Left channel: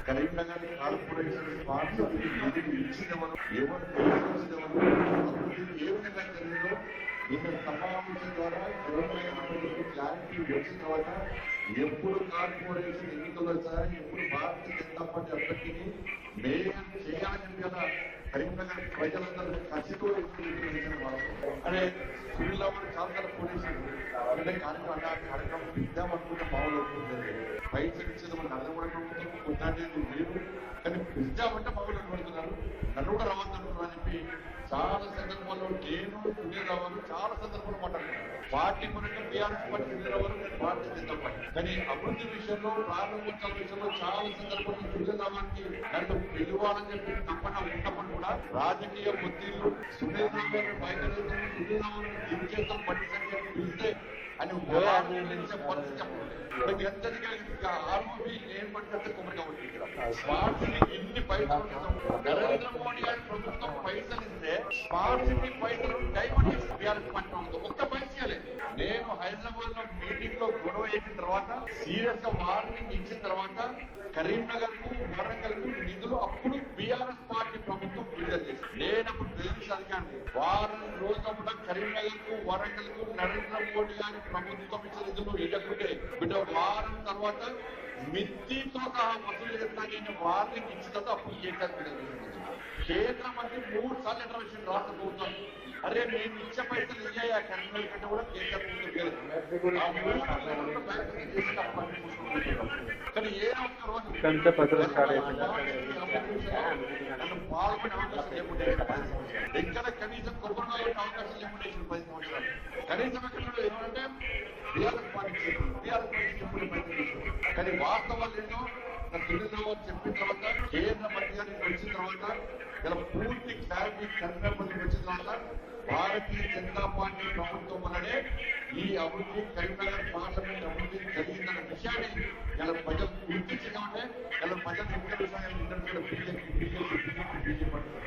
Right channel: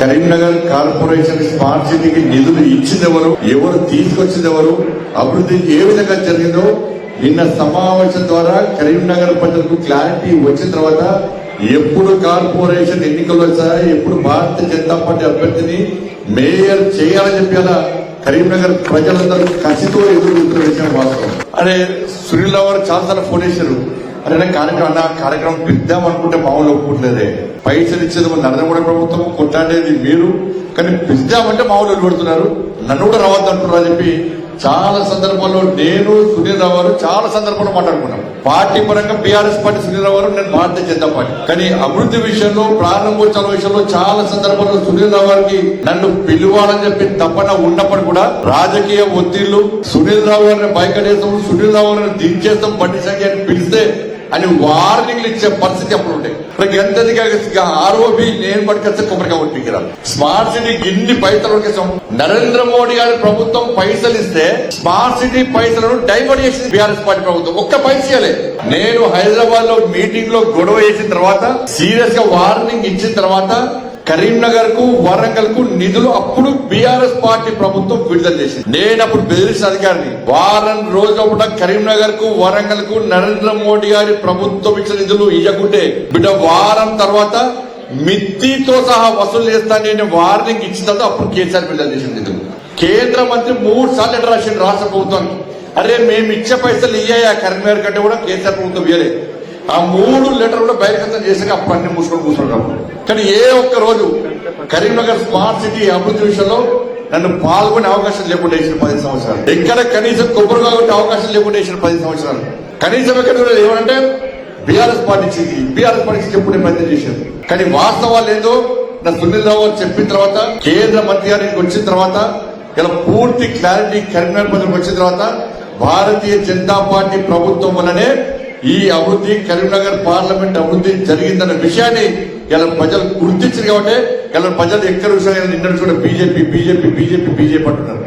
Karimnagar corporation smart సిటీకి నిధులు ఇచ్చిందెవరు, ఎవరు తీసుకొచ్చిందెవరు, అభివృద్ధి ఏ విధంగా జరిగిందో నిన్న సమావేశం ద్వారా కరీంనగర్ ప్రజలకు క్లారిటీ వచ్చిన తర్వాత ఎప్పుడు కార్పొరేషన్ ఎన్నికలు వచ్చాయి, ఎప్పుడు భారతీయ జనతా పార్టీ అభ్యర్థిని మేయర్ చేయాలని చెప్పి అలా కరీంనగర్ ప్రజలందరూ కసితో ఎదుర్కొంటున్న విషయం వాస్తవం. అరే సునీల్ రావు చాలాసార్లు ఫోన్ చేశారు, అరే కార్యక్రమం పిద్దాం అనుకుంటే మామూలు ఒప్పుకుంటలేదే, పైసలు ఇచ్చేది నరేంద్ర మోడీ ప్రభుత్వం, కొట్లాడేది మీరు, కానీ పిద్దామంటే మామూలు పెడుతున్నారు, నన్ను కూడా రావద్దు అంటున్నారు అని చెప్పి చాలా సందర్భాల్లో నేను సునీల్ రావు గారు చాలా సందర్భాల్లో మాట్లాడుకున్నాం. పార్టీ పరంగా బీఆర్ఎస్ పార్టీ సునీల్ రావు గారు, నేను భారతీయ జనతా పార్టీ. కానీ అభివృద్ధి విషయంలో, ప్రారంభోత్సవ విషయంలో చాలా సందర్భాల్లో సునీల్ రావు గారికి నన్ను పిలువాలని చెప్పి తప్పన ఉన్నప్పుడు కూడా రాజకీయ ఒత్తిళ్లు, సునీల్ రావు గారిని బైకడేస్తాం, సునీల్ రావు గారిని దించేస్తాం, బండి సంఖ్య అని పిలిస్తే అని వార్నింగ్లు ఇచ్చే పరిస్థితి అప్పుడు ఉంటాయి. ఎంతదిగా ఆర్ఓబి నేను పట్టుకొస్తే కొబ్బరిగా ఒట్టికిరాలి. స్మార్ట్ సిటీకి ఇన్ని పైసలు ఉడికేసాం. నరేంద్ర మోడీ గారి ప్రభుత్వం పైసలు ఇస్తే స్మార్ట్ సిటీ పైసలను డైవర్ట్ చేసింది బీఆర్ఎస్ పార్టీ ప్రభుత్వం. ఒక్క పైసలే. నేను హైదరాబాద్ లో మీటింగ్ లో గొడవ చేసిన తర్వాత, సీరియస్ గా వార్నింగ్ ఇచ్చిన తర్వాత కరీంనగర్ కు, వరంగల్ కు నిధులు అప్పుడు బీఆర్ఎస్ పార్టీ ప్రభుత్వం విడుదల చేసింది. నేను అప్పుడు బెదిరించిన అధికారిని, వారం రోజుల కరీంనగర్ కు, వరంగల్ కు నరేంద్ర మోడీ గారి ప్రభుత్వం ఇచ్చిన నిధులు ఇవ్వకుంటే బిడ్డ వారం తర్వాత మిత్తితో సహా వసూలు చేస్తా నేను వార్నింగ్ ఇచ్చిన తర్వాత అప్పుడు కేసీఆర్ విడుదల చేసిన నిధులు. కేంద్ర మంత్రి 3 సార్లు లెటర్ రాసింది రాష్ట్ర ప్రభుత్వం, అరే మేము ఇచ్చే పైసలు ఇయ్యా కరీంనగర్ కంటే కూడా కేసీఆర్ ప్రభుత్వం ఇవ్వలేదు. ఆ 3 లెటర్ కూడా బహిర్గతం చేశాక అప్పుడు అన్ని కూర్చున్నాం. కానీ ఏ ఒక్క రోజు కరీంనగర్ స్మార్ట్ సిటీ అభివృద్ధి విషయంలో నన్ను పాల్గొనే అవకాశం లేకుండా వేసిన 10 సంవత్సరాలు. ఎక్కడ కనీసం కొబ్బరిగా కొట్టే అవకాశం లేకుండా వేసిన 10 సంవత్సరాలు. కనీసం ఎక్కడ ఏమంటే బీఆర్ఎస్ పార్టీ చెప్పుకునే ప్రయత్నం చేశారు. కానీ వాస్తవాలు ఏదో నా సునీల్ రావు గారు చెప్పిన తర్వాత, కేంద్ర మంత్రి గారికి వచ్చిన తర్వాత, ఇలా పూర్తి క్లారిటీ కరీంనగర్ ప్రజలకు వచ్చిన తర్వాత భారతీయ జనతా పార్టీ ప్రభుత్వం వల్లనే ఈ అభివృద్ధి, కరీంనగర్ పార్లమెంట్ అభివృద్ధి జరిగిందన్న విషయాన్ని ఇలా ప్రజలు గుర్తించారు. కాబట్టి ఇలా ప్రజలు ఎక్కడ విషయాలు నిన్న కూడా బీజేపీ అంటున్నారు.